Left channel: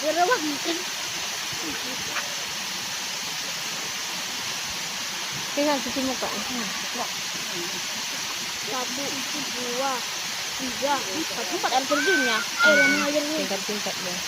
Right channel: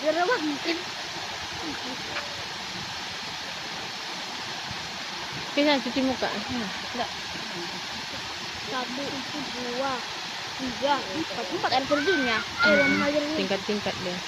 Berawak mungkin. Kaya cuci muka. Satu, dua, tiga, empat air terjunnya. Air yang mengalir ini. Tingkat-tingkat deh.